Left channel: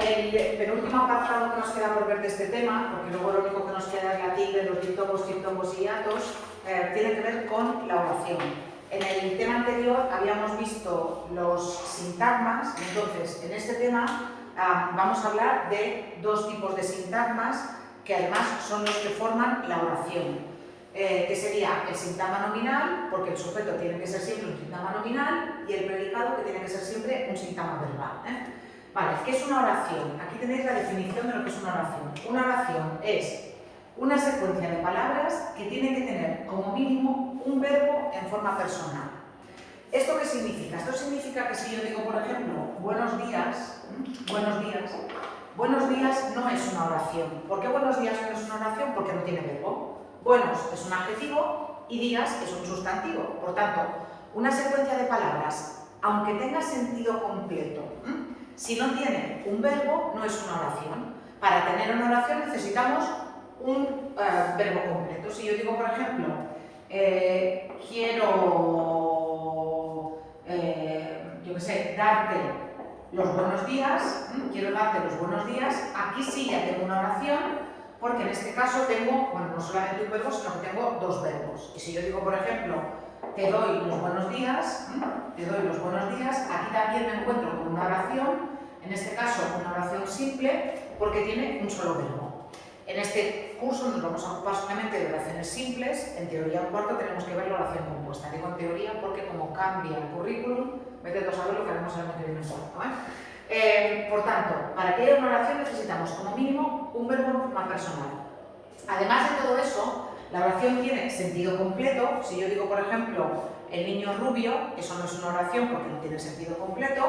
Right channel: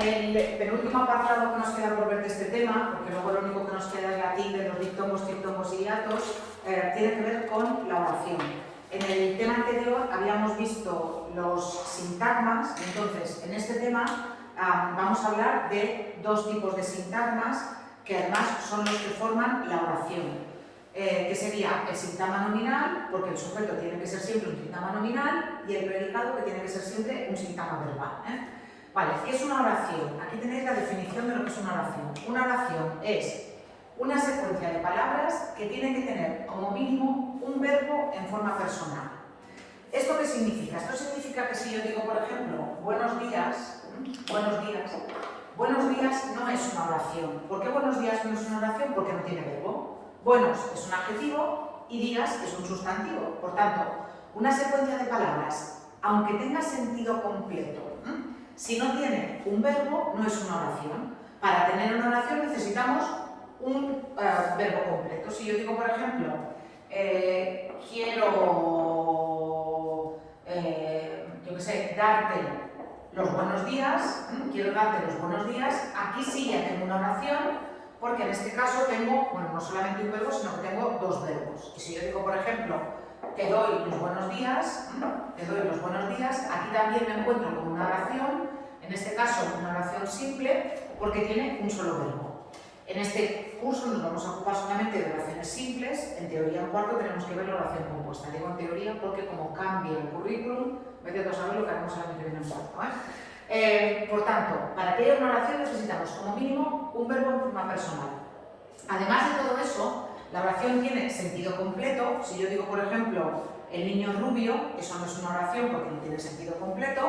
el penúltimo apartado que nos queda por ver de este tema, porque luego lo único que nos queda es la tilde, los diptongos y hiatos, tiene que ver con la oración. En el tema anterior habíamos visto los sintagmas, entonces en este tema vamos a hablar de dos tipos de sintagmas que además son los que forman la oración. Que sería el sintagma nominal, porque el sujeto tiene que ser siempre un sintagma nominal, y el predicado, que tiene que ser siempre un sintagma verbal. Vale, ¿qué es una oración? Aquí tenéis la definición de lo que es una oración. Una oración es una secuencia de palabras que tienen que tener como mínimo un verbo en forma personal. ¿Esto qué significa? Esto significa que si yo digo, por ejemplo, buenos días no es una oración. ¿Por qué buenos días no es una oración? Porque no tiene verbo. Buenos es un adjetivo y días es un sustantivo. Por tanto, una secuencia de palabras, aunque tenga sentido completo, si no tiene un verbo, no es una oración. Para tener una oración necesitamos un verbo completo. Si yo digo, por ejemplo, quiero, yo qué sé, darte los buenos días, quiero darte los buenos días, aquí sí ya tengo una oración, porque en este caso tengo, bueno, no solamente un verbo, sino que tengo dos verbos. Y si yo digo, por ejemplo, te doy los buenos días, aquí también me encuentro con una oración, en este caso una oración simple, porque tiene un solo verbo. En este curso nos vamos a ocupar solamente de oraciones simples. En teoría en cuarto tenemos que ver la oración compuesta. Digo en teoría porque como cambia el currículum, vete a saber lo que haremos el año que viene en cuarto. Por tanto, para que haya una oración necesitamos como mínimo un verbo en forma personal. Además de todo eso, la oración tiene sentido completo. Si yo digo, por ejemplo, el niño rubio, eso no es una oración porque no tiene sentido completo.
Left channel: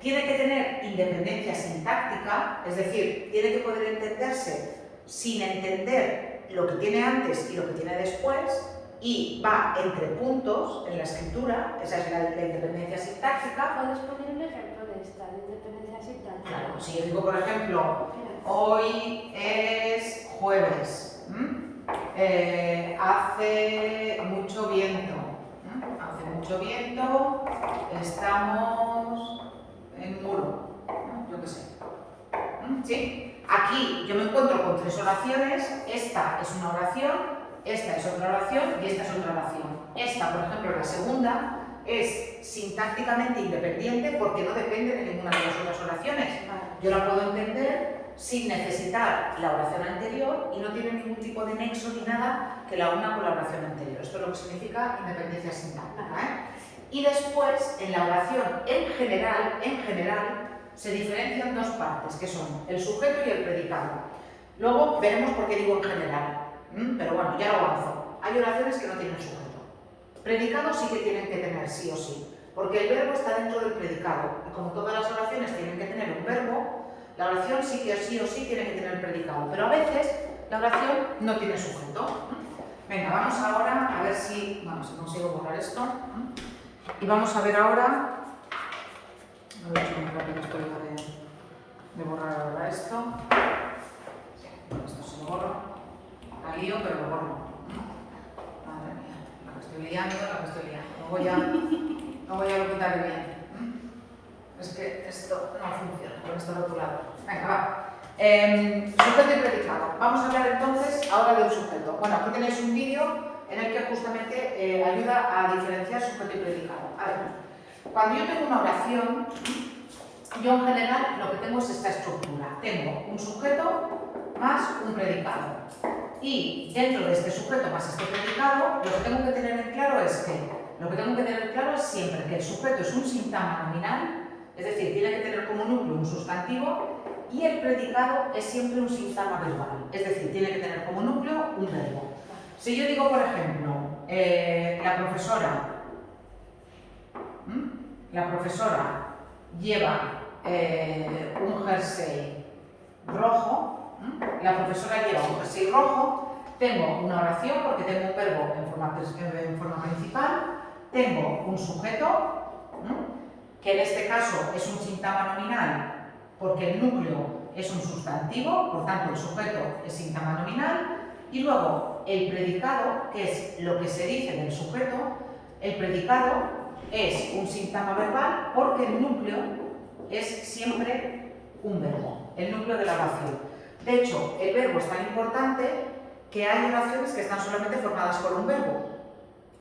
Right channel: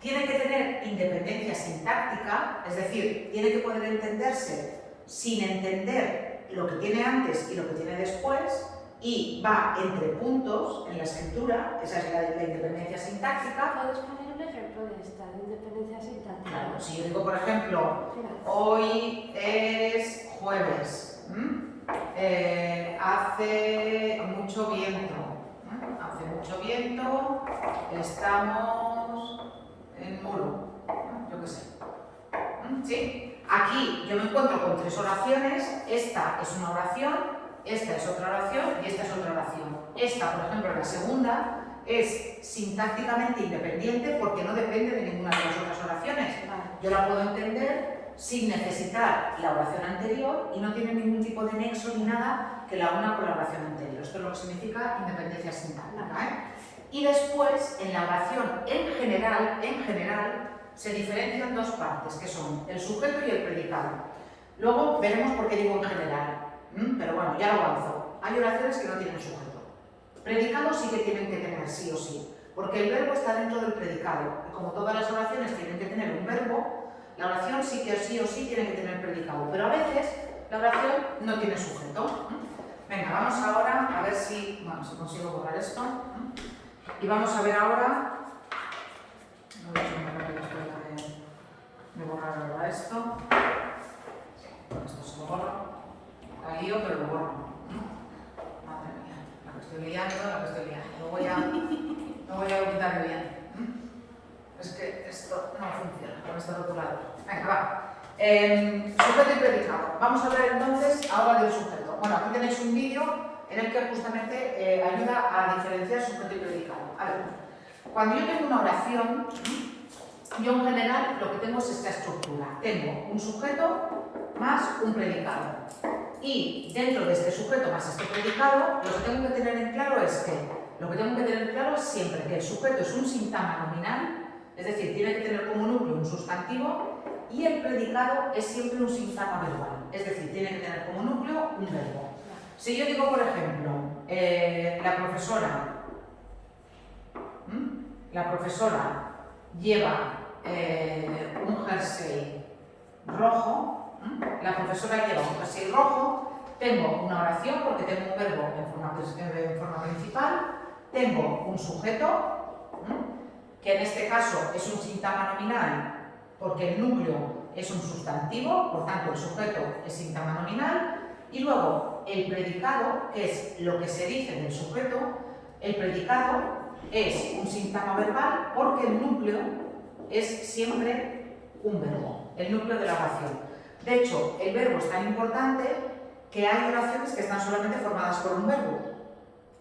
Tiene que tener independencia sintáctica, es decir, tiene que poder entenderse sin entender lo que tiene antes y lo que tiene después, y va entre puntos en la escritura. Esa es la independencia sintáctica. ¿Puedes poner un ejemplo de esta independencia sintáctica? Claro, si yo digo, por ejemplo, hoy es jueves, hace mucho viento, estamos en muro, yo qué sé. ¿Sí? Aquí yo me encuentro con tres oraciones. Esta es una oración, esta es otra oración y esta es otra oración. Esta, por ejemplo, la segunda, es sintácticamente independiente porque no depende de ninguna de las otras oraciones. Yo la puedo entender sin necesitar la oración anterior y no tiene ningún tipo de nexo ni nada que la una con la oración anterior. Esto es lo que significa independencia sintáctica. Y después, en la oración en general, se diferencian dos partes, que son el sujeto y el predicado. Luego veremos por qué digo en general, pero bueno, ya lo avanzo. Hay oraciones que no tienen sujeto. Predicado sí que tienen que tener, sí o sí, porque el verbo está dentro del predicado. Y como todas las oraciones tienen que tener un verbo, la oración sí que sí o sí tiene que tener predicado. Pero a veces la oración no tiene sujeto. Venga, vamos ahora a ver si consigo borrar esto. Y vamos a ver ahora. A ver si me parece esto de borrar ahora esto. Esto se lo borro. La lío, pero lo borro. Madre mía, la que estoy liando. No voy a quitar bien. Es que esto no funciona con este rotulado. Venga, va. Sujeto y predicado. Vamos a hablar entonces ahora del sujeto. Bueno, aquí tenéis un vídeo en el que justamente ayuda a diferenciar sujeto y predicado. A ver. Cuando yo tengo una oración, yo en general lo que tengo es esta estructura. Tengo un sujeto más un predicado. Y dentro de este sujeto más este predicado, lo que tengo que tener en claro es siempre que el sujeto es un sintagma nominal, es decir, tiene que tener como núcleo un sustantivo, y el predicado es siempre un sintagma verbal, es decir, tiene que tener como núcleo un verbo. Si yo digo, por ejemplo, la profesora lleva un jersey rojo, tengo una oración porque tengo un verbo en forma principal, tengo un sujeto, que en este caso es un sintagma nominal porque el núcleo es un sustantivo, por tanto el sujeto es sintagma nominal, y luego el predicado, que es lo que se dice del sujeto. El predicado es un sintagma verbal porque el núcleo es siempre un verbo, el núcleo de la oración. De hecho, el verbo es tan importante que hay oraciones que están solamente formadas por un verbo.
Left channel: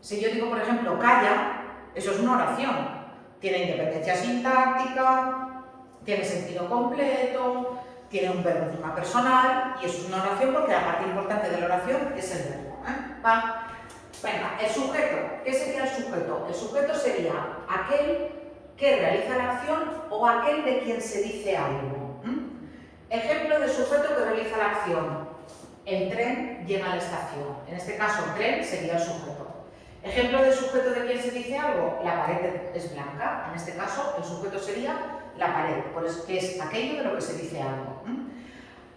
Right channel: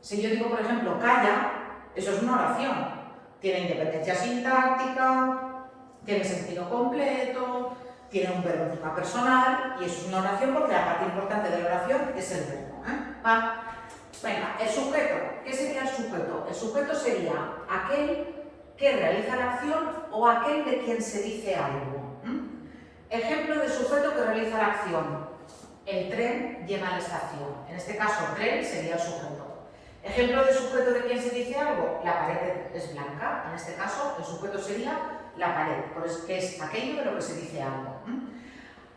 Si yo digo, por ejemplo, calla, eso es una oración. Tiene independencia sintáctica, tiene sentido completo, tiene un verbo en forma personal y eso es una oración porque la parte importante de la oración es el verbo. ¿Va? Venga, el sujeto. ¿Qué sería el sujeto? El sujeto sería aquel que realiza la acción o aquel de quien se dice algo. Ejemplo de sujeto que realiza la acción. El tren llega a la estación. En este caso, el tren sería el sujeto. Ejemplo de sujeto de quien se dice algo. La pared es blanca. En este caso, el sujeto sería la pared, que es aquello de lo que se dice algo.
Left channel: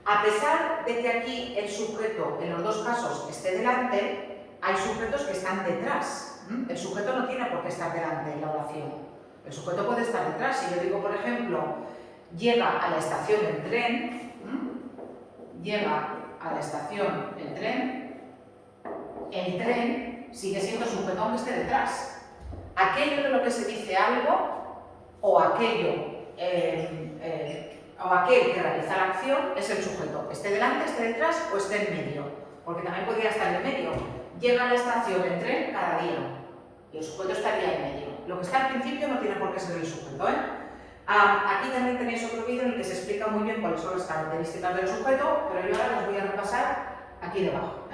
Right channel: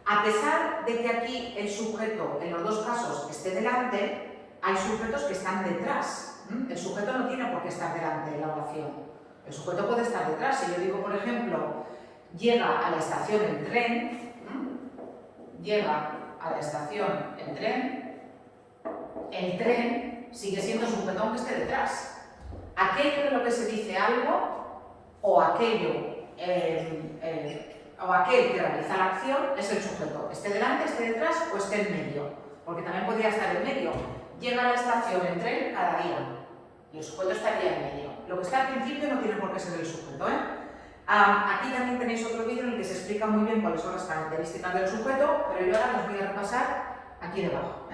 A pesar de que aquí el sujeto, en los dos casos, esté delante, hay sujetos que están detrás. El sujeto no tiene por qué estar delante en la oración. El sujeto puede estar detrás. Si yo digo, por ejemplo, llega a la estación el tren, llega a la estación el tren sigue siendo sujeto aunque esté detrás. Aquello de lo que se dice algo o aquel que realiza la acción es el sujeto. Esté delante, esté detrás o esté en medio. Porque también podría estar en medio. Llega a la estación el tren cada día y el sujeto estaría en medio. Lo que está al principio no tiene por qué ser el sujeto. Aquí también tenéis otro vídeo en el que se explica muy bien cuáles son las características del sujeto, pero yo ahora las voy a repasar aquí debajo.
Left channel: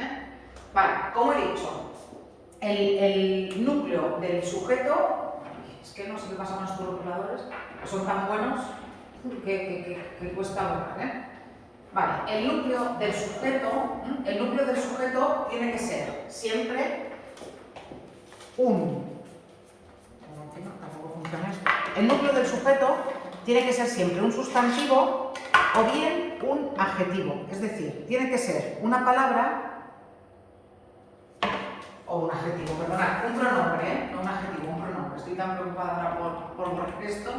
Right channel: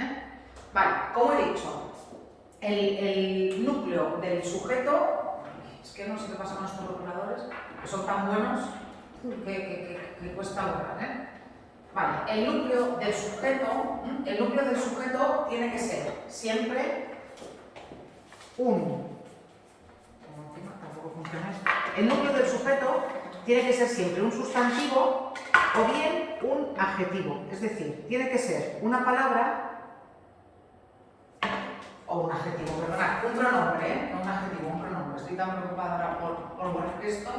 Vale, como he dicho, el núcleo del sujeto, es que no sé qué pasa con estos rotuladores, que son tan buenos que cuesta lograr. Vale, el núcleo del sujeto tiene que ser siempre el núcleo del sujeto tiene que ser siempre un sustantivo o bien un adjetivo. Es decir, tiene que ser una palabra o un adjetivo, perdonad, un pronombre, no un adjetivo, un pronombre. Estoy tan preocupada ahora por borrar esto.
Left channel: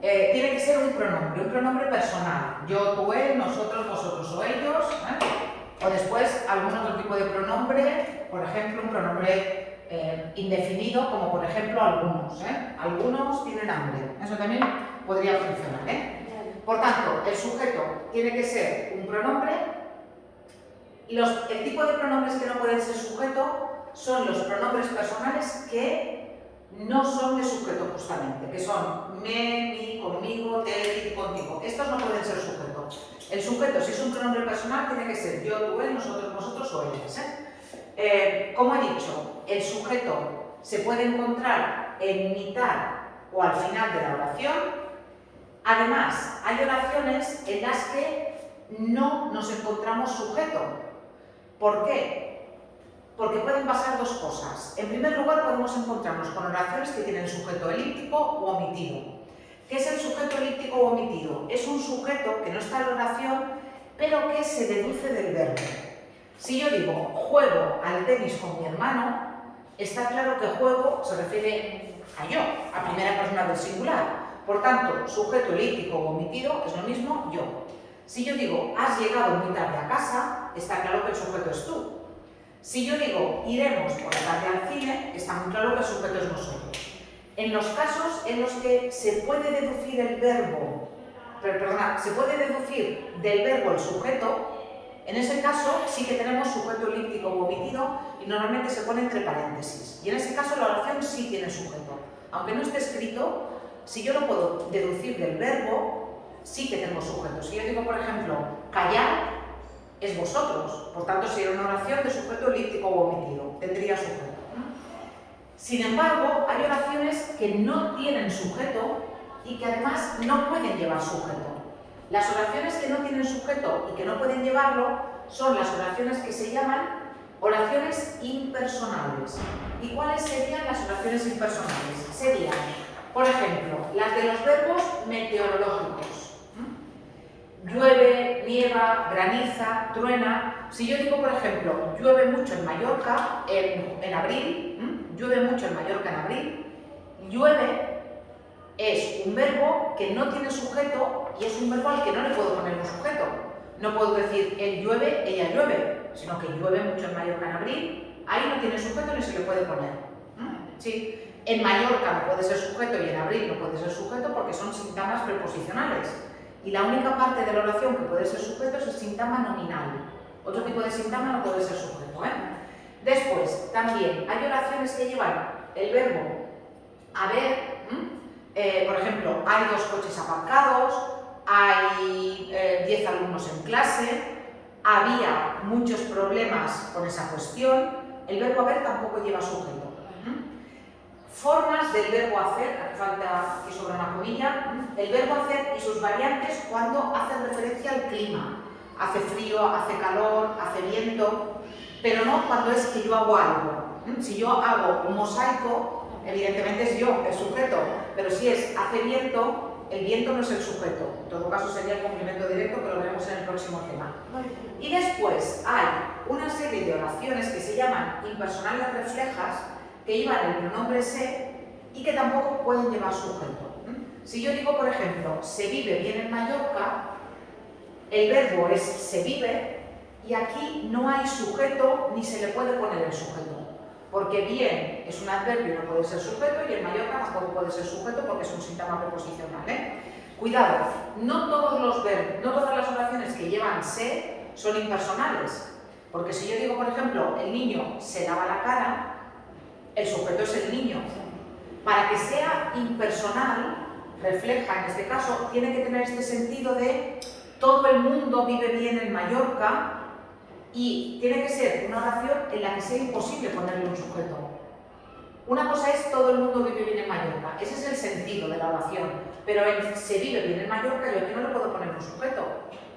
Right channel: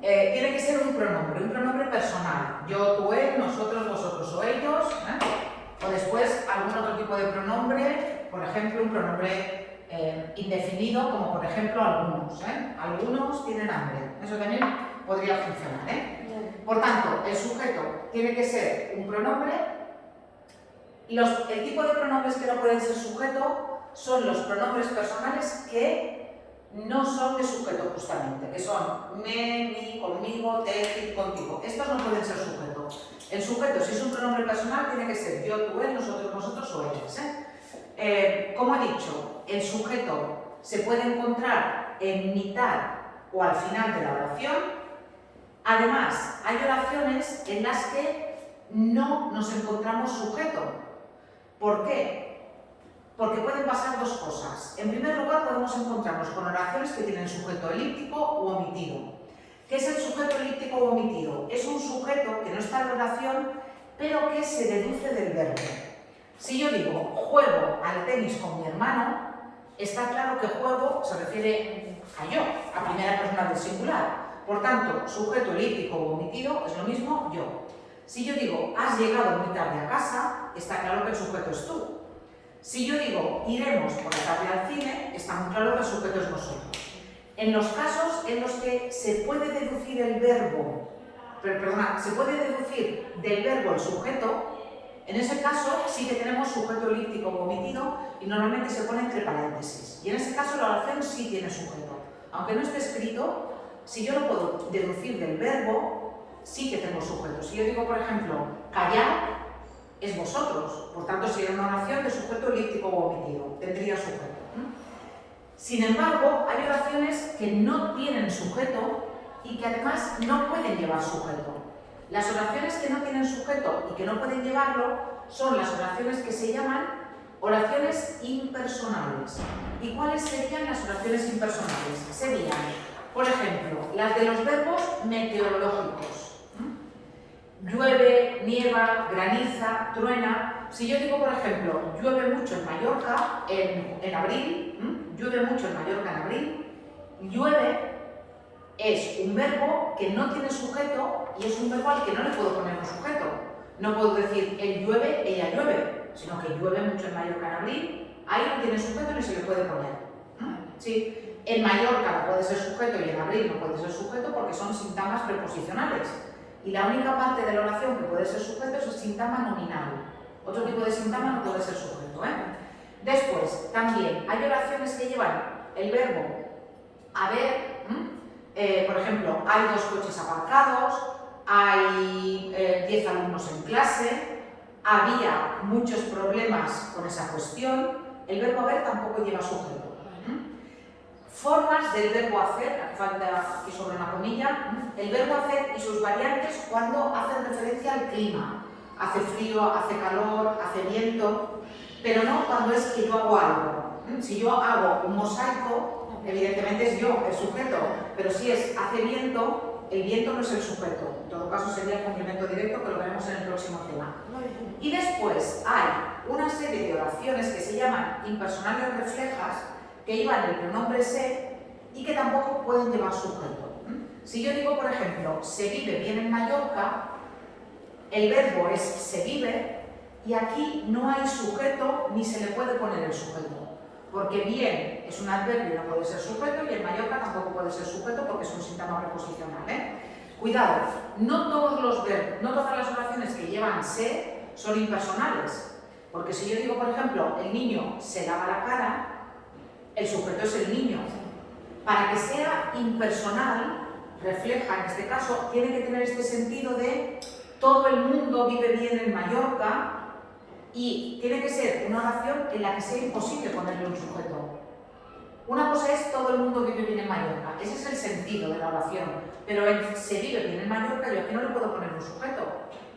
Tiene que ser un pronombre personal. Yo, tú, él, nosotros, vosotros o ellos. O después algún otro tipo de pronombre, por ejemplo, un pronombre indefinido, como por ejemplo algunos. Algunos tienen hambre. Eso también podría funcionar. Por tanto, el sujeto tiene que ser un pronombre. El tipo de pronombres que no pueden ser sujeto son los pronombres personales que no son de sujeto justamente, que son me, mi, conmigo, te, ti, contigo. Estos no pueden ser sujeto. El sujeto, si es un pronombre personal, tiene que ser yo, tú, él, nosotros, vosotros o ellos. Como he dicho, el sujeto se puede encontrar en mitad o al final de la oración. Además, hay oraciones en las que no nos encontramos sujeto. ¿Por qué? Porque pueden pasar dos cosas. En primer lugar, podemos encontrarnos con oraciones que tienen sujeto elíptico u omitido. ¿Qué es el sujeto elíptico u omitido? Es un sujeto que no está en la oración, pero que se deduce del verbo. Si yo digo, juego al tenis con mi hermano, está claro que juego se refiere a yo, a primera persona del singular. Por tanto, sujeto elíptico u omitido es lo mismo yo. Si yo digo, has llegado muy tarde a casa, está claro que el sujeto es tú. Si yo digo, iremos por la tarde al cine, está muy claro que el sujeto es nosotros. En los casos en los que se puede deducir el verbo, se puede deducir del verbo el sujeto, en ese caso sí que tenemos sujeto elíptico o omitido y normalmente se pone entre paréntesis. Y en ese caso la oración sí tiene sujeto. Aunque no esté escrito, si yo lo puedo deducir del verbo, sí que tengo sujeto. Si yo digo, por ejemplo, callar, es vosotros. Por tanto, sería una oración de sujeto elíptico o omitido. Tendría sujeto. Sin embargo, hay oraciones que no tienen sujeto y que además no pueden llevar sujeto. Las oraciones que no tienen sujeto y que no pueden llevarlo son las oraciones que se llaman oraciones impersonales. ¿Y cuáles serían las oraciones impersonales? Serían, por ejemplo, las de los verbos meteorológicos. Llueve, nieva, graniza, truena. Si yo digo, por ejemplo, llueve mucho en Mallorca en abril, llueve mucho en Mallorca en abril, llueve es un verbo que no tiene sujeto y es un verbo al que no le puedo poner un sujeto. No puedo decir él llueve, ella llueve, sino que llueve mucho en Mallorca en abril, ahí no tiene sujeto ni se le puede poner. Sí, en Mallorca no puede ser sujeto y en abril no puede ser sujeto porque son síntomas preposicionales. y la única parte de la oración que puede ser sujeto es el sintagma nominal. Otro tipo de sintagma no puede ser sujeto. Después, también hay oraciones que llevan el verbo haber. Por ejemplo, hay 2 coches aparcados, hay 10 alumnos en clase, había muchos problemas con esa cuestión. El verbo haber tampoco lleva sujeto. Formas del verbo hacer, aquí falta aquí sobre una comilla, el verbo hacer y sus variantes cuando hacen referencia al clima. Hace frío, hace calor, hace viento, pero no cuando es que yo hago algo. Si yo hago un mosaico, evidentemente es yo, el sujeto, pero si es hace viento, el viento no es el sujeto. En todo caso sería el complemento directo, que lo veremos en el próximo tema. Y después hay una serie de oraciones que se llaman impersonales reflejas, que llevan el pronombre se y que tampoco pueden llevar sujeto. Si yo digo, por ejemplo, se vive bien en Mallorca, el verbo es se vive y aquí no hay sujeto ni se le puede poner el sujeto. Porque bien es un adverbio y no puede ser sujeto, y en Mallorca tampoco puede ser sujeto porque es un sintagma preposicional. Cuidado, no todas las oraciones que llevan se son impersonales. Porque si yo digo, por ejemplo, el niño se lava la cara, el sujeto es el niño. Para que sea impersonal, refleja en este caso, tiene que tener este sentido de todo el mundo vive bien en Mallorca. Y tiene que ser una oración en la que sea imposible ponerle un sujeto. Una cosa es todo el mundo vive bien en Mallorca, ese es el sentido de la oración, pero en se vive bien en Mallorca yo aquí no le puedo poner un sujeto.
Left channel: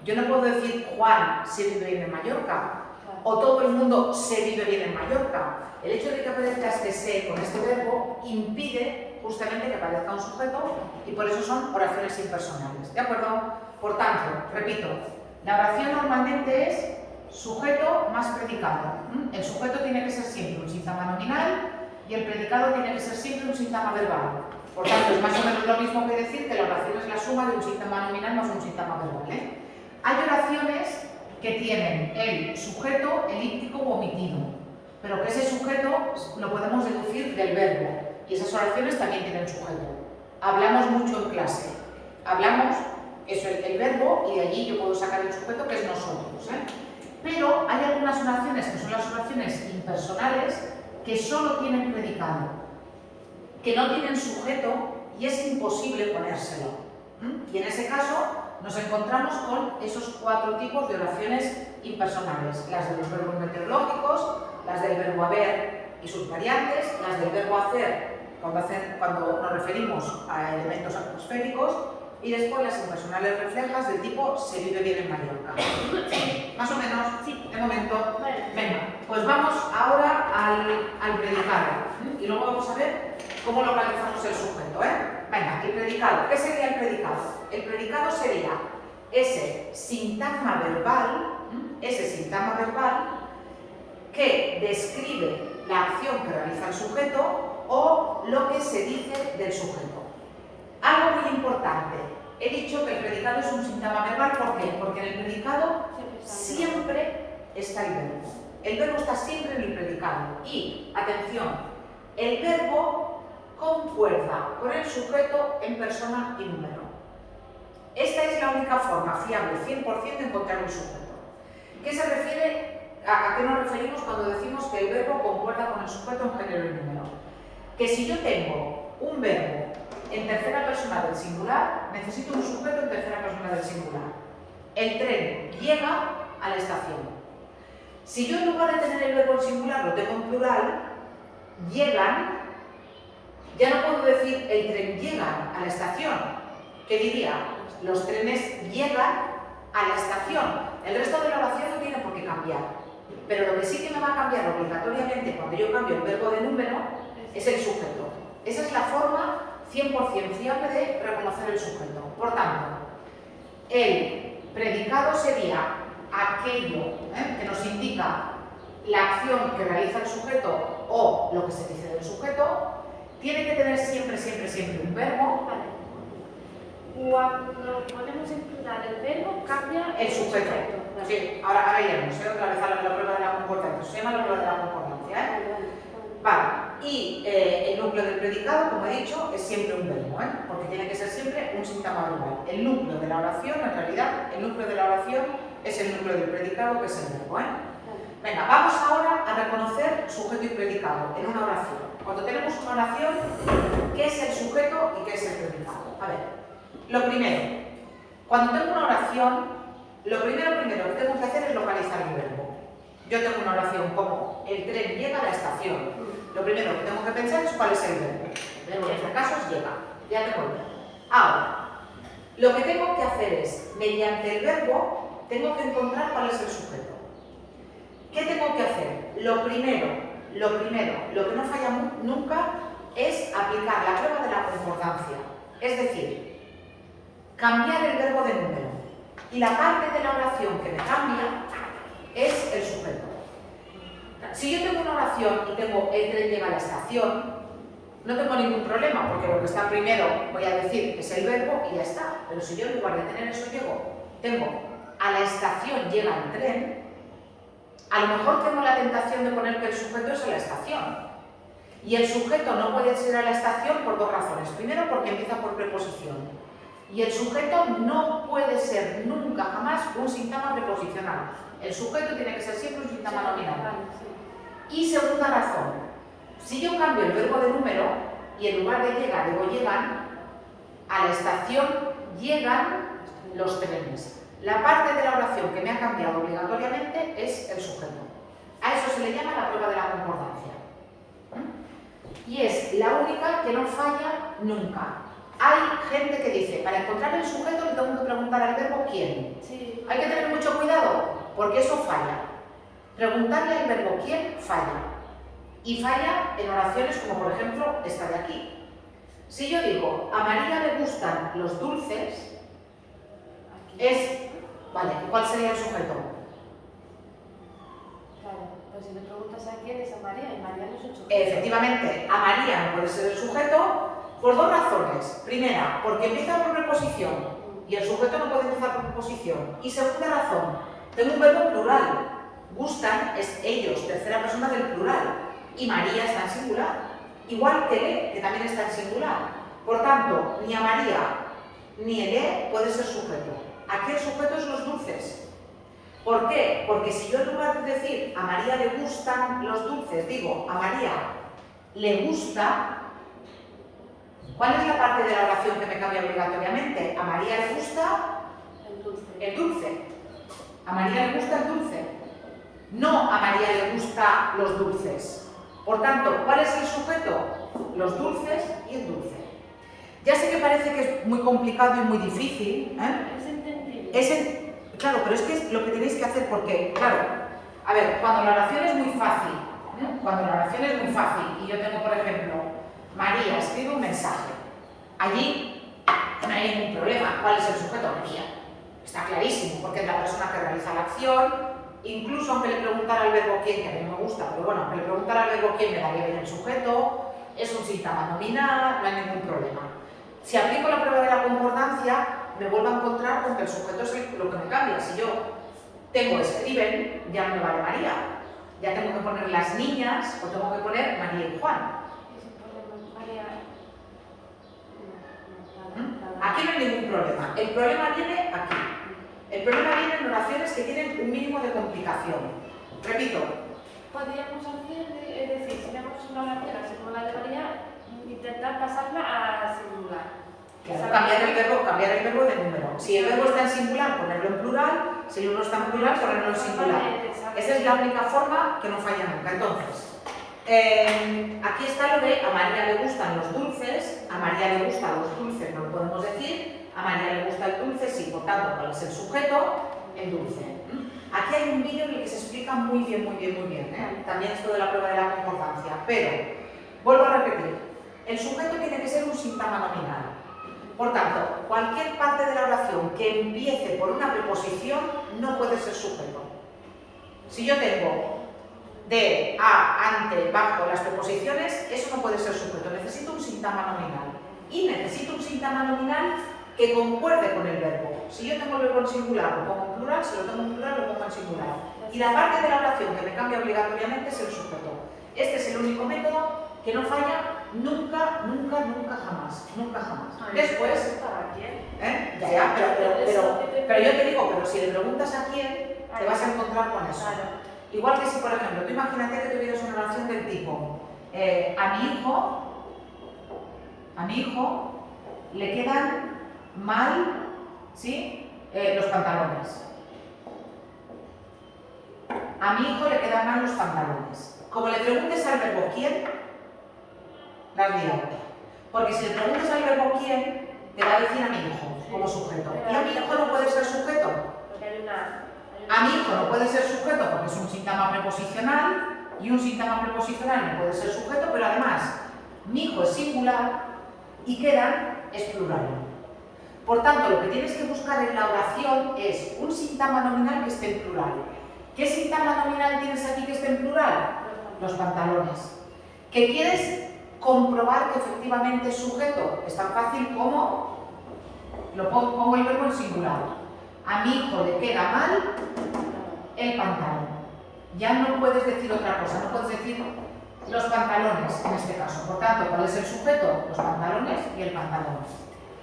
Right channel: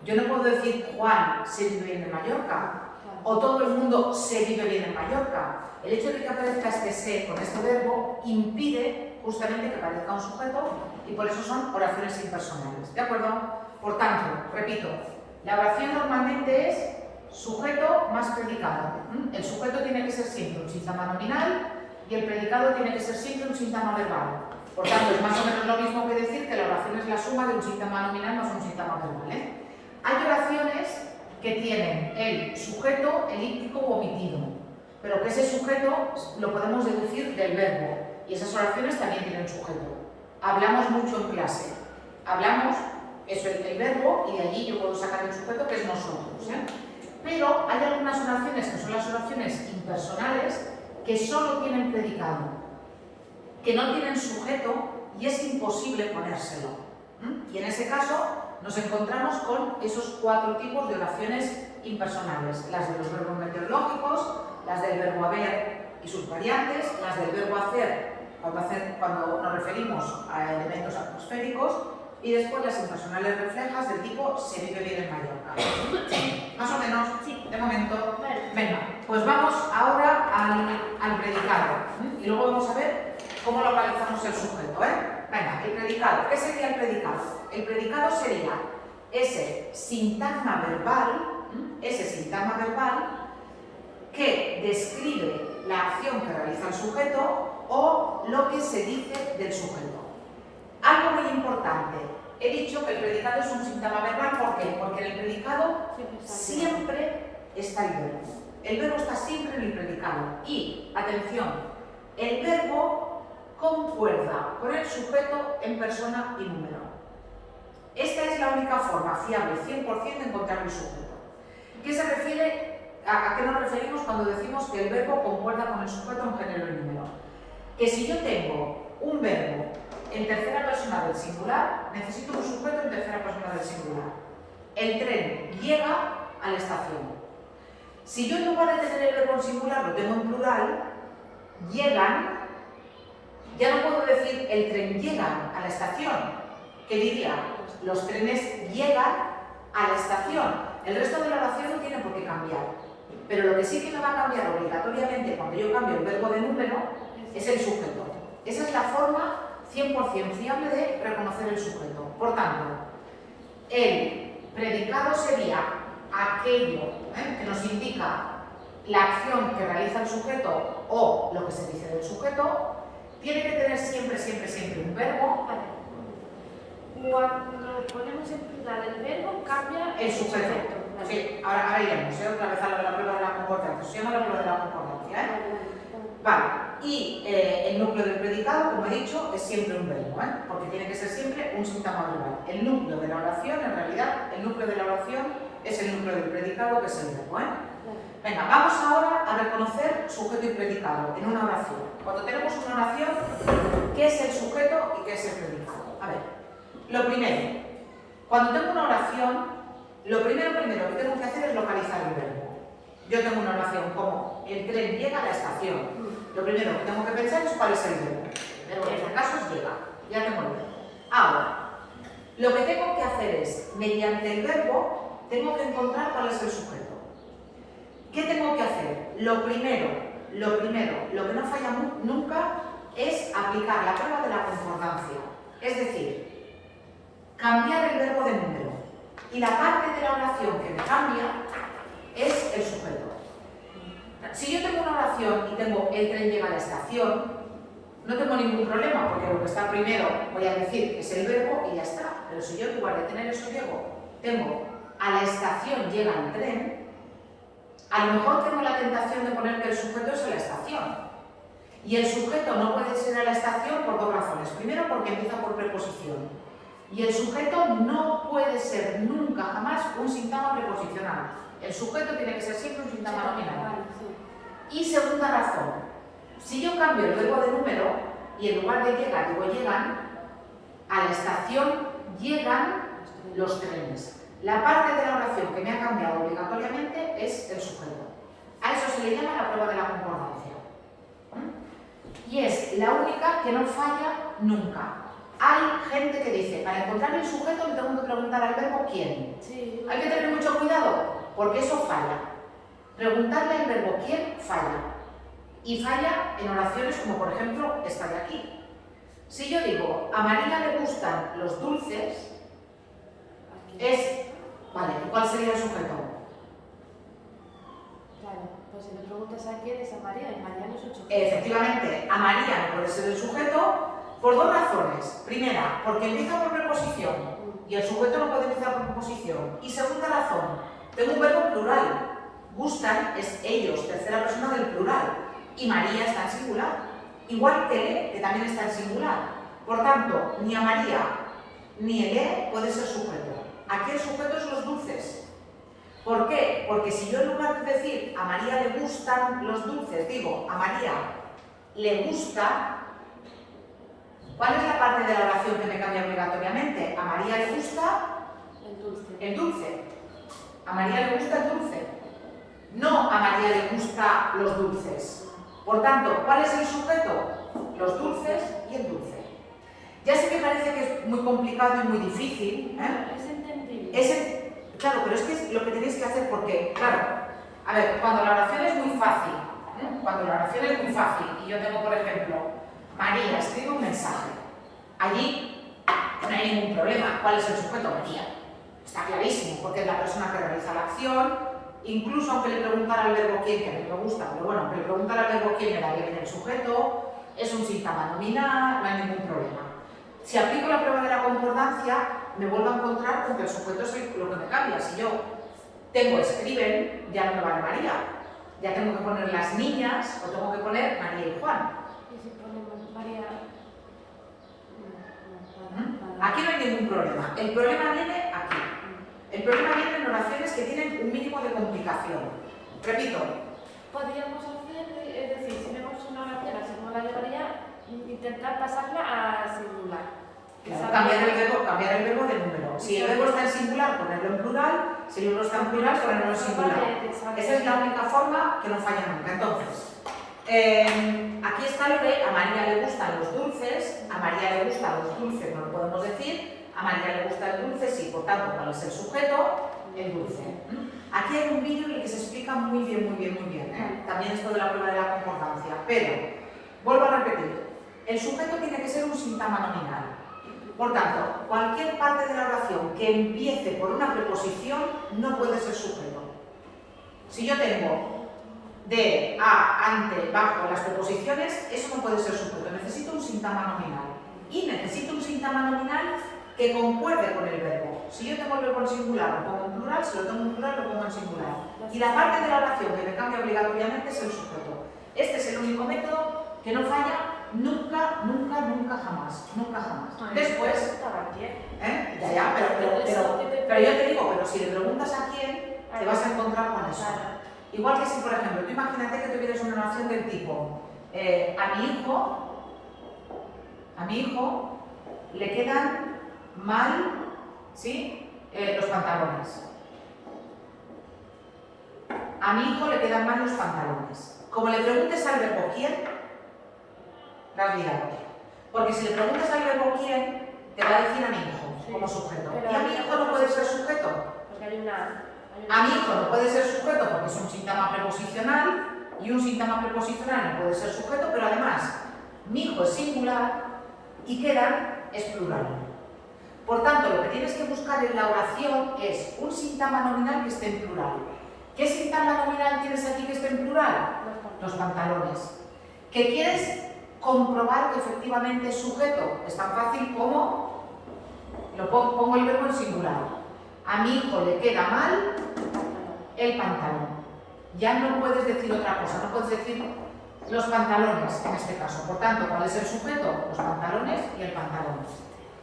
Yo no puedo decir Juan se vive bien en Mallorca, o todo el mundo se vive bien en Mallorca. El hecho de que aparezca este se con este verbo impide justamente que aparezca un sujeto y por eso son oraciones impersonales. ¿De acuerdo? Por tanto, repito, la oración normalmente es sujeto más predicado. El sujeto tiene que ser siempre un sintagma nominal y el predicado tiene que ser siempre un sintagma verbal. Por tanto, es más o menos lo mismo que decir que la oración es la suma de un sintagma nominal más un sintagma verbal. Hay oraciones que tienen el sujeto elíptico u omitido, pero que ese sujeto lo podemos deducir del verbo y esas oraciones también tienen sujeto. Hablamos mucho en clase, hablamos, eso es el verbo y de allí yo puedo sacar el sujeto que es nosotros. Pero hay algunas oraciones que son las oraciones impersonales que solo tienen predicado, que no tienen sujeto y es imposible ponérselo. Y en ese caso nos encontramos con esos 4 tipos de oraciones impersonales: las de los verbos meteorológicos, las del verbo haber y sus variantes, las del verbo hacer cuando nos referimos a elementos atmosféricos, y después las impersonales reflejas del tipo se vive bien en Mallorca. ¿Sí? ¿Más o menos? Sí. De momento. Venga, pues vamos ahora al predicado. Y luego vamos a ver cómo localizamos el sujeto. Venga, el predicado. ¿Qué sería el predicado? El predicado sería ese sintagma verbal que describe la acción que realiza el sujeto o lo que se dice del sujeto. Algo muy importante, he dicho que el predicado es un sintagma verbal, ¿por qué? Porque en el predicado siempre está el verbo. El verbo está siempre en el predicado. Y, atención, el verbo concuerda con el sujeto en persona y número. Esta es la única forma fiable, 100%, de encontrar un sujeto. ¿Qué se refiere, a qué nos referimos cuando decimos que el verbo concuerda con el sujeto en género y número? Que si yo tengo un verbo en tercera persona del singular, necesito un sujeto en tercera persona del singular. El tren llega a la estación. Si yo en lugar de tener el verbo en singular lo tengo en plural, llegan, ya no puedo decir el tren llega a la estación. ¿Qué diría? Los trenes llegan a la estación. El resto de la oración no tiene por qué cambiar. Pero lo que sí que me va a cambiar obligatoriamente cuando yo cambio el verbo de número es el sujeto. Esa es la forma 100% fiable de reconocer el sujeto. Por tanto, el predicado sería aquello que nos indica la acción que realiza el sujeto o lo que se dice del sujeto. Tiene que tener siempre un verbo. Cuando ponemos en plural el verbo, cambia el sujeto. Sí, ahora iremos otra vez a la prueba de la concordancia. Se llama la prueba de la concordancia. Vale. Y el núcleo del predicado, como he dicho, es siempre un verbo, porque tiene que ser siempre un sintagma verbal. El núcleo de la la oración, en realidad el núcleo de la oración es el núcleo del predicado, que es el verbo. Venga, vamos ahora a reconocer sujeto y predicado en una oración. Cuando tenemos una oración, ¿qué es el sujeto y qué es el predicado? A ver, lo primero, cuando tengo una oración, lo primero que tengo que hacer es localizar el verbo. Yo tengo una oración como el tren llega a la estación. Lo primero que tengo que pensar es cuál es el verbo. En este caso es llega. Ya tengo el verbo. Ahora, lo que tengo que hacer es, mediante el verbo, tengo que encontrar cuál es el sujeto. ¿Qué tengo que hacer? Lo primero, lo que no falla nunca es aplicar la prueba de la concordancia. Es decir, cambiar el verbo de número. Y la parte de la oración que me cambia es el sujeto. Si yo tengo una oración y tengo el tren llega a la estación, no tengo ningún problema, porque lo que está primero voy a decir que es el verbo y ya está. Pero si yo en lugar de tener eso tengo a la estación llega el tren, a lo mejor tengo la tentación de poner que el sujeto es en la estación. Y el sujeto no puede ser a la estación por dos razones. Primero, porque empieza por preposición. Y el sujeto no puede ser nunca, jamás, un síntoma preposicional. El sujeto tiene que ser siempre un síntoma nominal. Y segunda razón, si yo cambio el verbo de número y en lugar de llegar digo llegan, a la estación llegan los trenes. La parte de la oración que me ha cambiado obligatoriamente es el sujeto. A eso se le llama la prueba de la concordancia. Y es la única que no falla nunca. Hay gente que dice, para encontrar el sujeto le tengo que preguntar al verbo quién. Sí. Hay que tener mucho cuidado, porque eso falla. Preguntarle al verbo quién falla. Y falla en oraciones como por ejemplo esta de aquí. Si yo digo, a María le gustan los dulces, vale, ¿cuál sería el sujeto? Claro, pues si le preguntas a quién es a María, María no es un sujeto. Efectivamente, a María no puede ser el sujeto por dos razones. Primera, porque empieza por preposición y el sujeto no puede empezar por preposición. Y segunda razón, tengo un verbo en plural. Gustan es ellos, tercera persona del plural. Y María está en singular. Igual que le, que también está en singular. Por tanto, ni a María ni el E puede ser sujeto. Aquí el sujeto es los dulces. ¿Por qué? Porque si yo en lugar de decir a María le gustan los dulces, digo a María le gusta, ¿cuál es la parte de la oración que me cambia obligatoriamente? A María le gusta el dulce. A María le gusta el dulce. No a María le gusta los dulces. Por tanto, ¿cuál es el sujeto? Los dulces y el dulce. Ya sé que parece que es muy complicado y muy difícil. Es entendible. Claro, pero es que es lo que tenéis que hacer porque, claro, a ver, cuando la oración es muy fácil, y yo tengo, por ejemplo, María escribe un mensaje, allí no hay ningún problema. ¿Cuál es el sujeto? María. Está clarísimo, porque es la persona que realiza la acción, incluso aunque le preguntara al verbo quién, que a mí me gusta, pero bueno, aunque le preguntara al verbo quién me daría bien el sujeto, es un síntoma nominal, no hay ningún problema. Si aplico la prueba de la concordancia, me vuelvo a encontrar con que el sujeto es lo que me cambia. Si yo tengo escriben, ya no me vale María. Ya tengo que poner las niñas o tengo que poner María y Juan. Aquí no hay ningún problema. El problema viene aquí. El problema viene en oraciones que tienen un mínimo de complicación. Repito. Podríamos hacer, es decir, si vemos una oración así como la alegoría, intentar pasarla a singular. Claro, cambiar el verbo de número. Si el verbo está en singular, ponerlo en plural. Si el verbo está en plural, ponerlo en singular. Esa es la única forma que no falla nunca. Entonces, aquí está lo de a María le gustan los dulces, a María le gustan los dulces, no lo podemos decir, a María le gusta el dulce, sí, por tanto, ¿cuál es el sujeto? El dulce. Aquí hay un vídeo en el que se explica muy bien. También esto de la prueba de la concordancia, pero, vuelvo a repetir, el sujeto tiene que ser un síntoma nominal. Por tanto, cualquier parte de la oración que empiece por una preposición no puede ser sujeto. Si yo tengo de, a, ante, bajo las preposiciones, eso no puede ser sujeto. Necesito un síntoma nominal. Y necesito un síntoma nominal que concuerde con el verbo. Si yo tengo el verbo en singular, lo pongo en plural. Si lo tengo en plural, lo pongo en singular. Y la parte de la oración que me cambia obligatoriamente es el sujeto. Este es el único método que no falla nunca, nunca, nunca jamás. Nunca jamás. Después, ¿quién? ya, pero yo te digo, pero si le preguntas a quién, te vas a encontrar con eso. Igual que si, por ejemplo, tú imagínate que tuvieras una oración del tipo, a mi hijo le quedan mal, ¿sí? Los pantalones. A mi hijo le quedan mal los pantalones. Como le preguntes al verbo quién, la has liado. Porque si le preguntas al verbo quién, te va a decir a mi hijo como sujeto. Y a mi hijo no puede ser sujeto. A mi hijo no puede ser sujeto porque es un síntoma preposicional y un síntoma preposicional no puede ser sujeto, pero además mi hijo es singular y quedan es plural. Por tanto, lo que tienes que buscar en la oración es un síntoma nominal que esté en plural. ¿Qué síntoma nominal tienes aquí que esté en plural? Los pantalones. ¿Que quieres comprobar que efectivamente es sujeto? Es tan fácil como pongo el verbo en singular. A mi hijo le queda mal el pantalón. Ya no puedes decir otra cosa, no puedes decir los pantalones en este caso. Por tanto, ¿cuál es el sujeto? Los pantalones y el pantalón.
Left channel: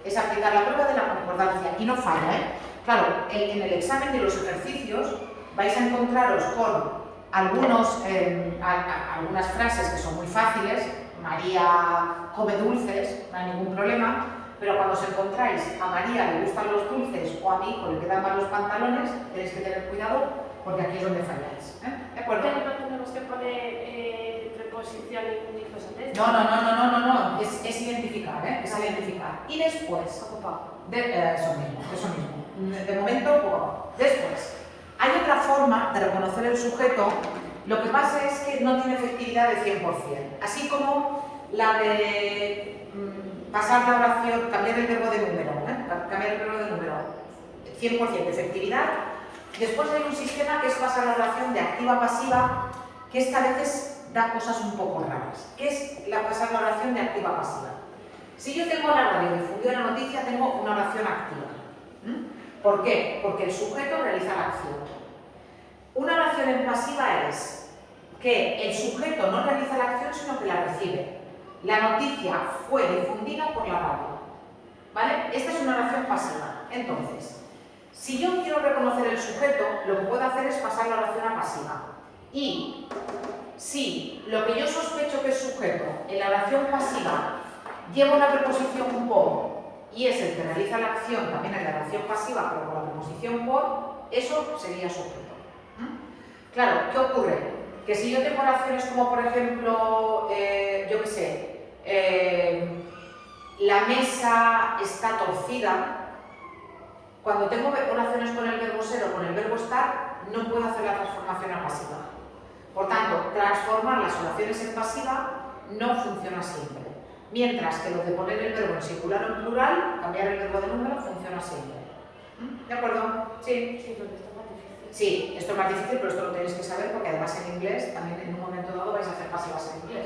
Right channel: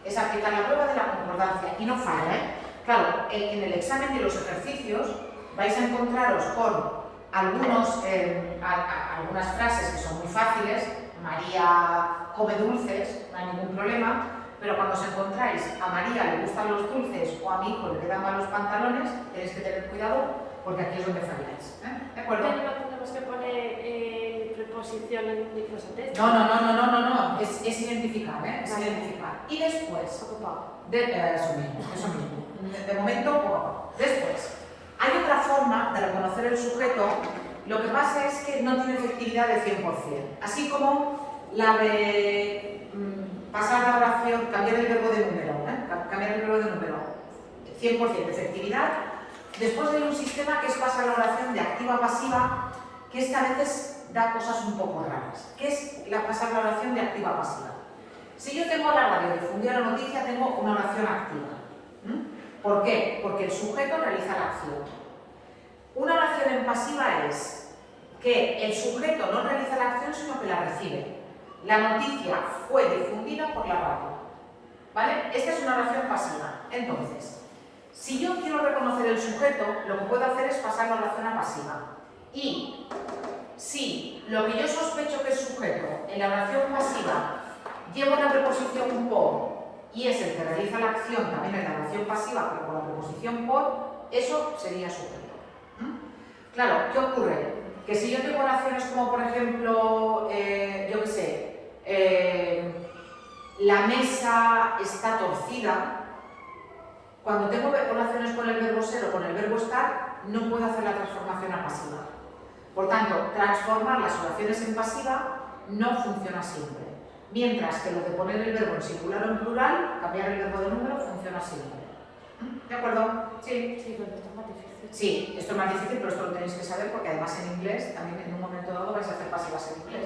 Es aplicar la prueba de la concordancia y no falla, ¿eh? Claro, en el examen de los ejercicios vais a encontraros con algunas frases que son muy fáciles. María come dulces, no hay ningún problema. Pero cuando os encontráis a María le gustan los dulces o a mi hijo le quedan mal los pantalones, tenéis que tener cuidado porque aquí es donde falláis. ¿De acuerdo? Pero no tenemos que poner preposición y cosas de esto. No. Es identificar, ¿eh? Es identificar. Y después, eso mismo. De momento, después. Hay otra forma de reconocer el sujeto. Lo que pasa es que no tiene efectividad de 100%. Así como la de pasar la oración, cambiar el verbo de número, cambiar el verbo de número, 100% de efectividad. Después hay un sistema que es pasar la oración de activa a pasiva, que esta a veces da cosas un poco raras. ¿Qué es pasar la oración de activa a pasiva? Si yo tengo la radio difundida la noticia, tengo una oración activa. ¿Por qué? Porque el sujeto realiza la acción. Una oración en pasiva es que el sujeto no realiza la acción, sino que la recibe. La noticia fue difundida por la radio. ¿Vale? Esta es una oración pasiva. Entonces, si yo quiero reconocer el sujeto, lo que puedo hacer es pasar la oración a pasiva. Y si lo que yo sospecho que es sujeto en la oración pasiva llevo la preposición por y es el que realiza la acción también en la oración pasiva, pero con la preposición por, eso sería sujeto. Claro, ¿qué ocurre? Que si yo tengo oraciones como, por ejemplo, yo qué sé, la mesa está torcida, cuando tengo oraciones con el verbo ser o con el verbo estar, no puedo hacer la transformación a pasiva. Por tanto, transformar las oraciones en pasiva no funciona siempre. Mientras que lo de poner el verbo en singular o en plural, cambiar el verbo de número, funciona siempre. ¿De acuerdo? Sí. Sí, esto es más difícil, pero esto lo tenéis que saber porque además en inglés, también en un momento dado vais a hacer pasivas en inglés.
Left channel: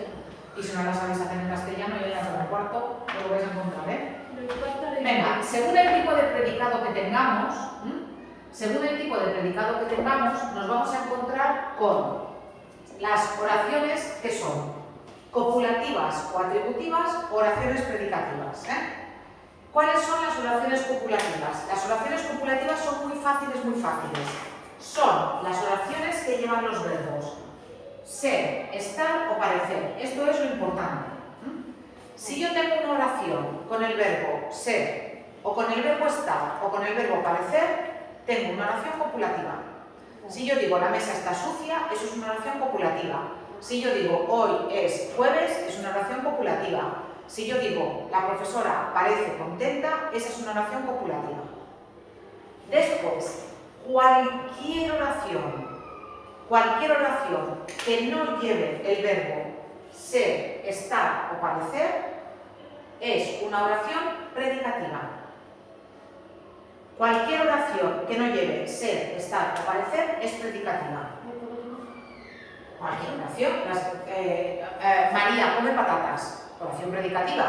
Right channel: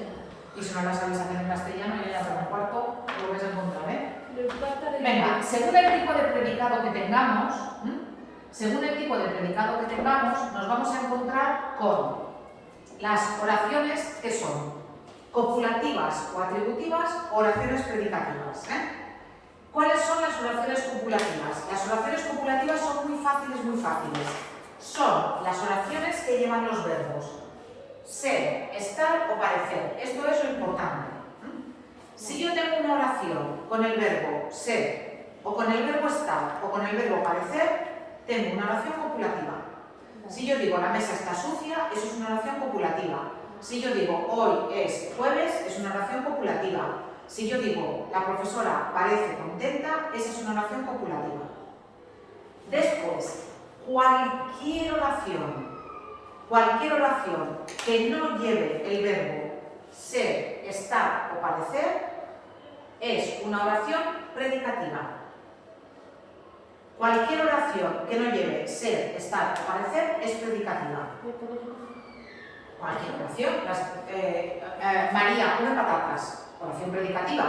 Y si no las sabéis hacer en castellano, ya en el cuarto lo vais a encontrar, ¿eh? Venga, según el tipo de predicado que tengamos, nos vamos a encontrar con las oraciones que son copulativas o atributivas, oraciones predicativas. ¿Cuáles son las oraciones copulativas? Las oraciones copulativas son muy fáciles. Son las oraciones que llevan los verbos ser, estar o parecer. Esto es lo importante. Si yo tengo una oración con el verbo ser, o con el verbo estar, o con el verbo parecer, tengo una oración copulativa. Si yo digo la mesa está sucia, eso es una oración copulativa. Si yo digo hoy es jueves, es una oración copulativa. Si yo digo la profesora parece contenta, esa es una oración copulativa. Después, cualquier oración que no lleve el verbo ser, estar o parecer es una oración predicativa. Cualquier oración que no lleve ser, estar o parecer es predicativa. Cualquier oración. María come patatas, oración predicativa.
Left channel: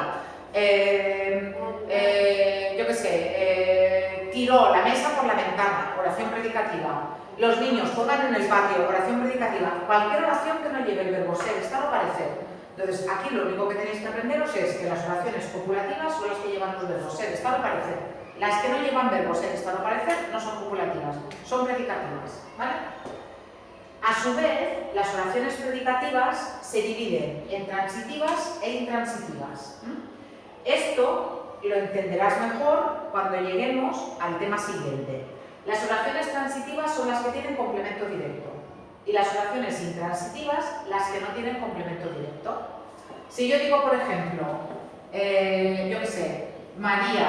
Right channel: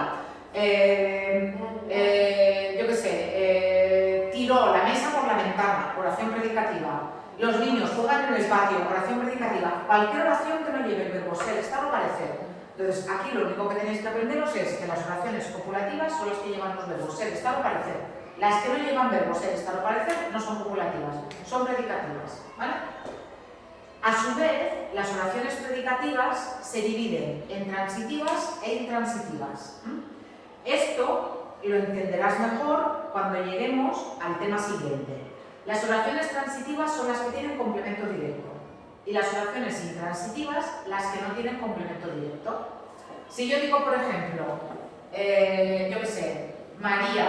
Yo qué sé, tiró la mesa por la ventana, oración predicativa. Los niños juegan en el patio, oración predicativa. Cualquier oración que no lleve el verbo ser, estar o parecer. Entonces, aquí lo único que tenéis que aprenderos es que las oraciones copulativas son las que llevan los verbos ser, estar o parecer. Las que no llevan verbos ser, estar o parecer no son copulativas, son predicativas, ¿vale? A su vez, las oraciones predicativas se dividen en transitivas e intransitivas. Esto lo entenderás mejor cuando lleguemos al tema siguiente. Las oraciones transitivas son las que tienen complemento directo y las oraciones intransitivas las que no tienen complemento directo. Si yo digo, por ejemplo, yo qué sé, María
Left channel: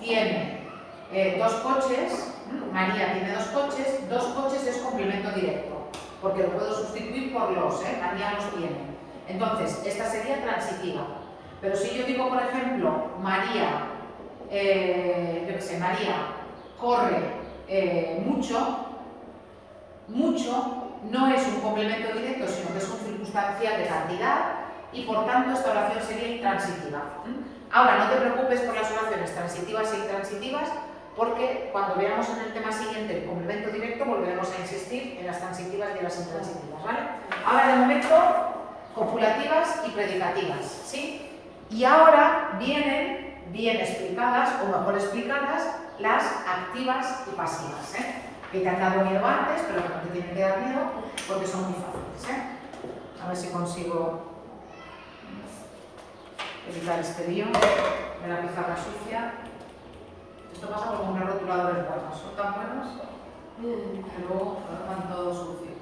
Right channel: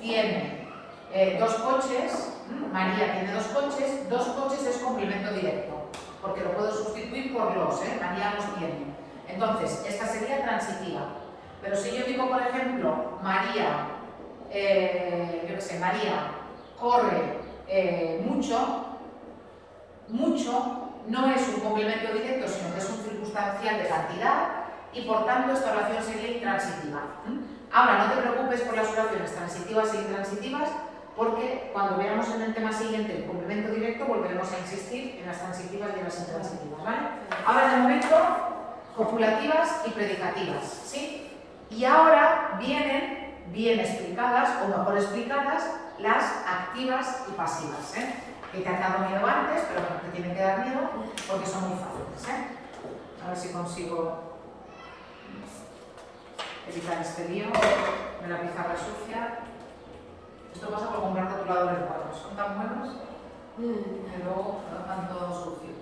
tiene dos coches, María tiene dos coches es complemento directo, porque lo puedo sustituir por los, María los tiene. Entonces, esta sería transitiva. Pero si yo digo, por ejemplo, María, yo qué sé, María corre mucho no es un complemento directo, sino que es un circunstancial de cantidad y por tanto esta oración sería intransitiva. Ahora, no te preocupes por las oraciones transitivas e intransitivas, porque cuando veamos en el tema siguiente el complemento directo volveremos a insistir en las transitivas y en las intransitivas, ¿vale? Ahora, de momento, copulativas y predicativas, ¿sí? Y ahora vienen bien explicadas, o mejor explicadas, las activas y pasivas, que te han dado miedo antes, pero no te tienen que dar miedo porque son muy fáciles, A ver si consigo evitar este lío de la pizarra sucia. Esto pasa por comprar rotuladores buenos, son tan buenos que luego van todo sucio.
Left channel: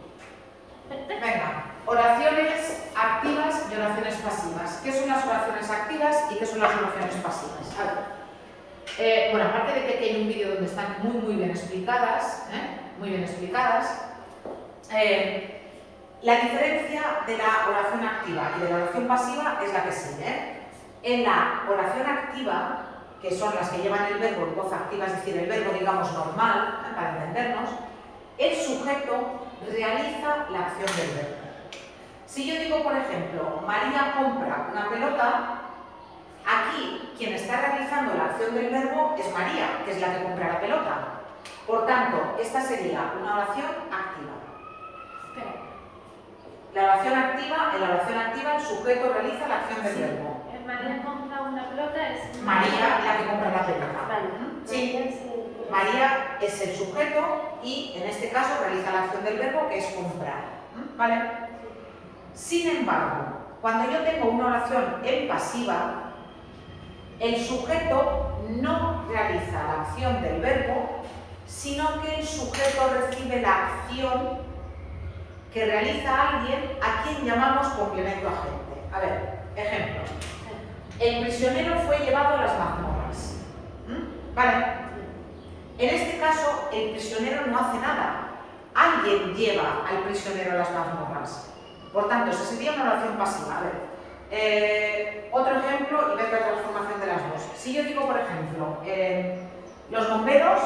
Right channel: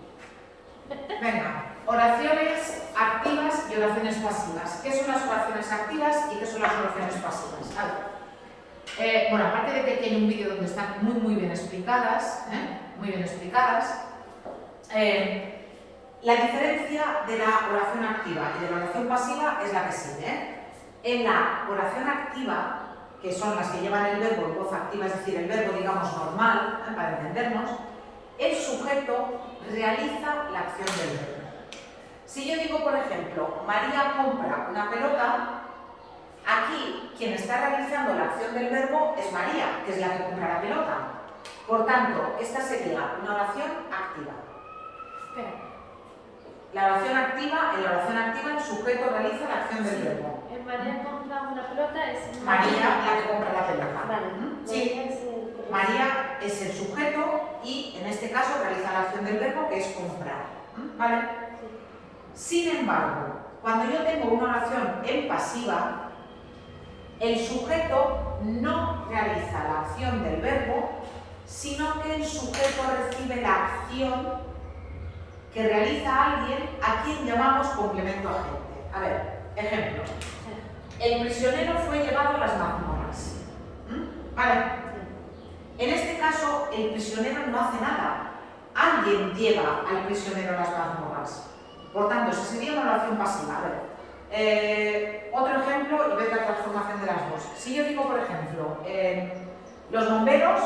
Venga, oraciones activas y oraciones pasivas. ¿Qué son las oraciones activas y qué son las oraciones pasivas? A ver. Bueno, aparte de que aquí hay un vídeo donde están muy bien explicadas, la diferencia de la oración activa y de la oración pasiva es la que sigue. En la oración activa, que son las que llevan el verbo en voz activa, es decir, el verbo, digamos, normal, para entendernos, el sujeto realiza la acción del verbo. Si yo digo, por ejemplo, María compra una pelota, aquí quien está realizando la acción del verbo es María, que es la que compra la pelota. Por tanto, esta sería una oración activa. En la oración activa el sujeto realiza la acción del verbo. María compra una pelota, es María la que compra la pelota. Sí. María es el sujeto y en este caso realiza la acción del verbo, que es comprar. ¿Vale? Sin embargo, cuando yo tengo una oración en pasiva, el sujeto no realiza la acción del verbo, sino que el sujeto recibe la acción que realiza alguien a quien llamamos complemento agente. A ver, ejemplo. El prisionero fue llevado a las mazmorras. ¿Vale? En este caso, el prisionero no hace nada. Alguien lleva al prisionero a las mazmorras. Por tanto, esa sería una oración pasiva. A ver, otro ejemplo y ver la transformación de las dos. Si yo digo, por ejemplo, los bomberos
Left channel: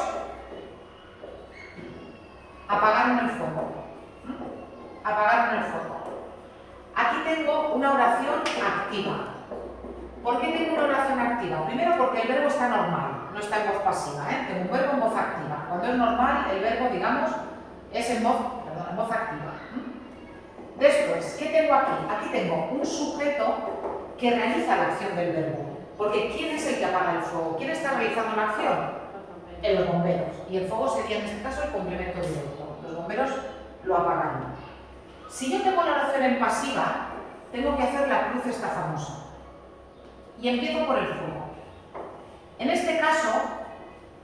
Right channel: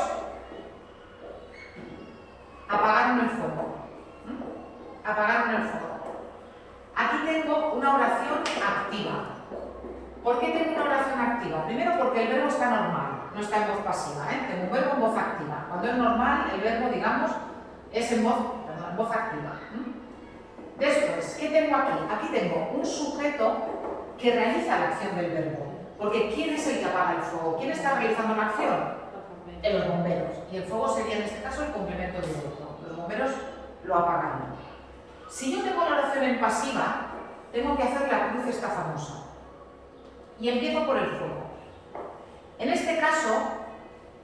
apagaron el fuego. Apagaron el fuego. Aquí tengo una oración activa. ¿Por qué tengo una oración activa? Primero porque el verbo está normal, no está en voz pasiva, Tengo un verbo en voz activa. Cuando es normal, el verbo, digamos, es en voz activa. Después, ¿qué tengo aquí? Aquí tengo un sujeto que realiza la acción del verbo. Porque ¿quién es el que apaga el fuego? ¿Quién está realizando la acción? Los bomberos. Y el fuego sería en este caso el complemento directo. Los bomberos lo apagan. Si yo tengo la oración en pasiva, tengo que hacer la cruz esta famosa. Y empiezo por el fuego. En este caso,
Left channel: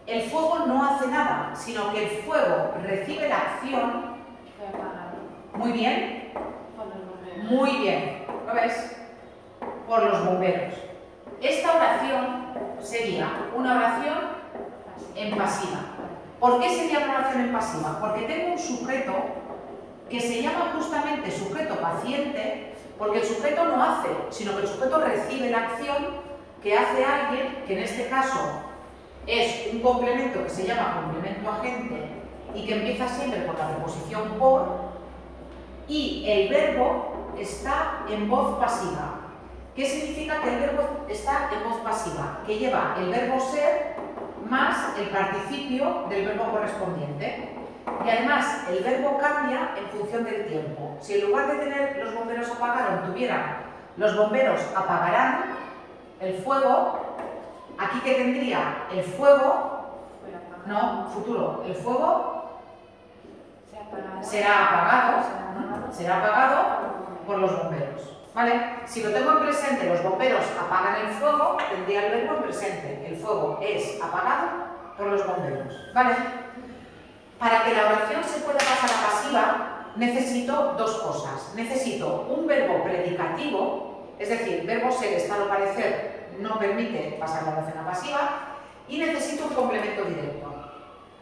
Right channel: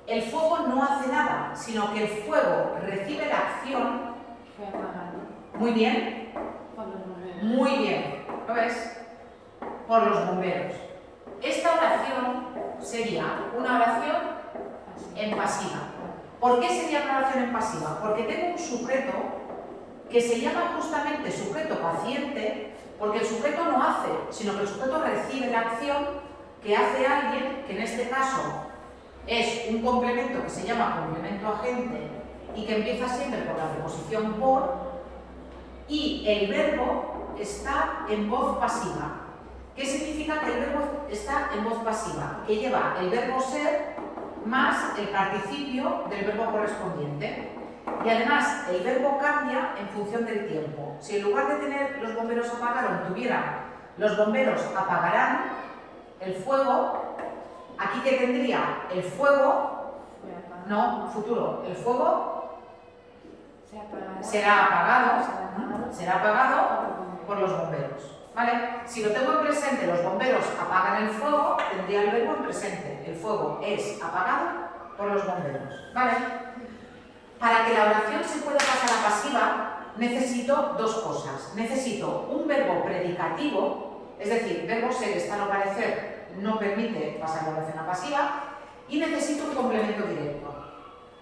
el fuego no hace nada, sino que el fuego recibe la acción. Muy bien. Muy bien. ¿Lo ves? Por los bomberos. Esta oración sería una oración en pasiva. ¿Por qué sería una oración en pasiva? Porque tengo un sujeto que se llama justamente sujeto paciente, porque el sujeto no hace, sino que el sujeto recibe la acción que hace alguien, que en este caso es un complemento que se llama complemento agente y que empieza siempre por la preposición por, y el verbo está en voz pasiva. ¿Qué significa que el verbo está en voz pasiva? Que lleva el verbo ser más el participio del verbo correspondiente. Y además, el verbo cambia en función del tiempo. Si en lugar de tener los bomberos apagaron, tuvieran los bomberos apagarán el fuego, aquí que tendría el fuego, no, futuro, el fuego será apagado por los bomberos. ¿Vale? Si lo tengo en presente, los bomberos apagan el fuego, tendría el verbo en presente. El fuego es apagado por los bomberos. ¿Vale? Para que la oración se pueda pasar a pasiva, necesito dos cosas. Necesito un verbo predicativo, es decir, verbo ser, estar o parecer no permite pasar la oración a pasiva, y necesito un complemento directo.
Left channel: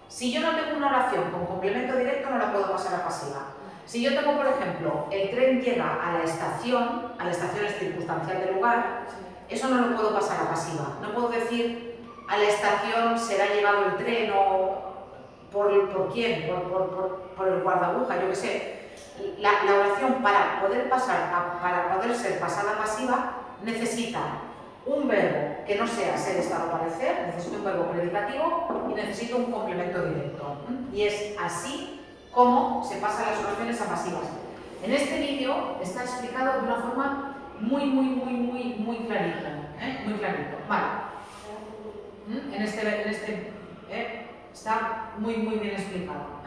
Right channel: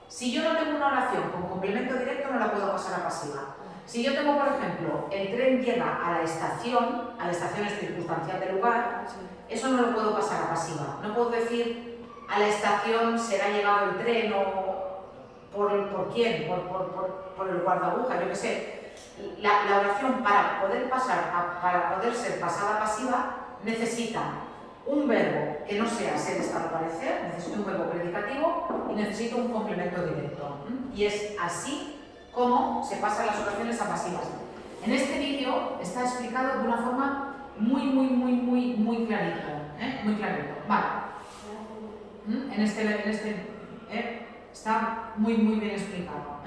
Si yo no tengo una oración con complemento directo, no la puedo pasar a pasiva. Si yo tengo, por ejemplo, el tren llega a la estación es circunstancial del lugar, eso no lo puedo pasar a pasiva. No puedo decir a la estación será llegado el tren o por quién, por el guardabuja, yo qué sé. La oración para poder ser pasada a pasiva necesita un verbo que no sea ser, estar o parecer, necesito un verbo predicativo y necesito un complemento directo. Y es así como se pasan las oraciones a pasivas. En este vídeo está explicado de una forma muy clarito. Muy clarito. Vale. En este está muy bien explicado.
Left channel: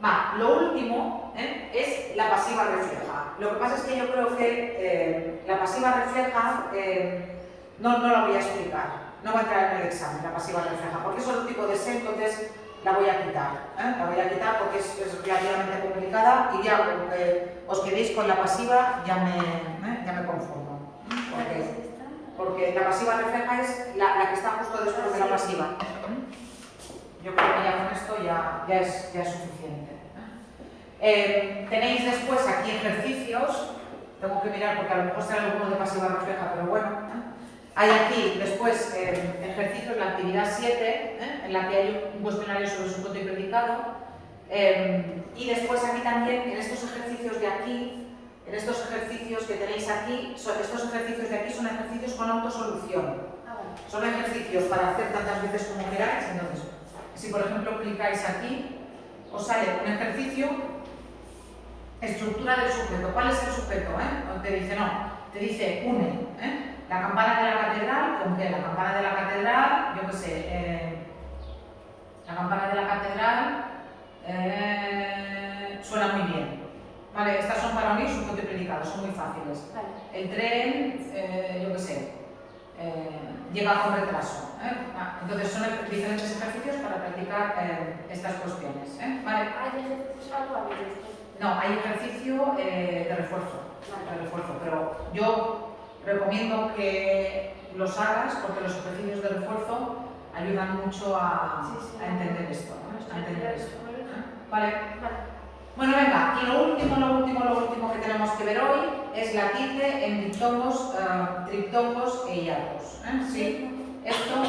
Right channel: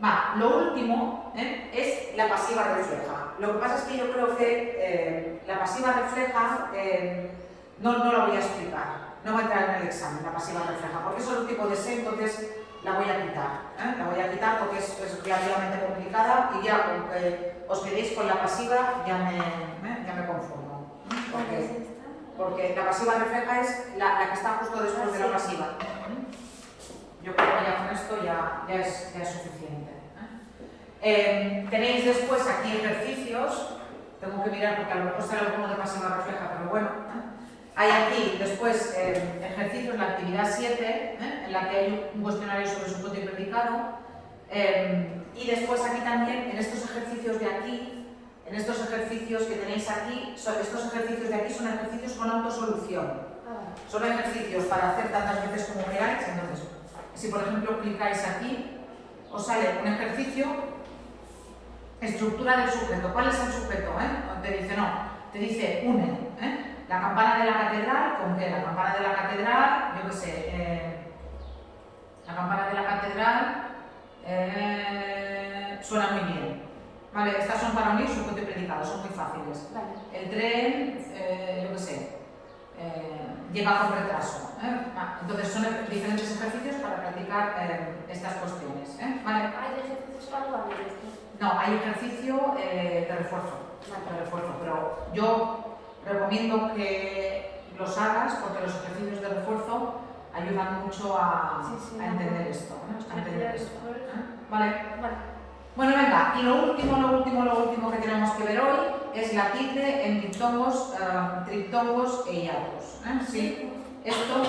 Vale. Lo último es la pasiva refleja. Lo que pasa es que yo creo que la pasiva refleja no la voy a explicar. No va a entrar en el examen la pasiva refleja, porque es otro tipo de sé, entonces la voy a quitar. La voy a quitar porque es relativamente complicada y ya con que os quedéis con la pasiva ya me conformo. Porque la pasiva refleja es la que está justo después de la pasiva. Yo creo que ya con esto ya es suficiente. Tenéis después aquí ejercicios. Tengo que mirar porque a lo mejor será alguno de pasiva refleja, pero bueno. Hay aquí después ejercicios, la actividad 7, en la que hay un cuestionario sobre sujeto y predicado. Y después aquí también, en estos ejercicios de aquí, en estos ejercicios que tenéis aquí, estos ejercicios de aquí son ejercicios con autosolución. Son ejercicios para hacer tantas veces como queráis. Entonces, si por ejemplo clicáis aquí, os sale un ejercicio, estructura del sujeto. ¿Cuál es el sujeto? Te dice no, te dice une. La campana de la catedral, ¿con qué? La campana de la catedral, yo qué sé, la campana de la catedral suena muy bien. Vale, estas son para unir sujeto y predicado, son muy fáciles. El tren, yo qué sé, llega con retraso. Entonces son diferentes ejercicios para practicar estas cuestiones. ¿Vale? No, hay ejercicio de refuerzo, pero yo recomiendo que los hagas porque los ejercicios de refuerzo ayudan mucho a entender esto. ¿Vale? Bueno, venga, y lo último que tenemos que ver hoy es la tilde en diptongos, triptongos e hiatos. ¿Sí? Esto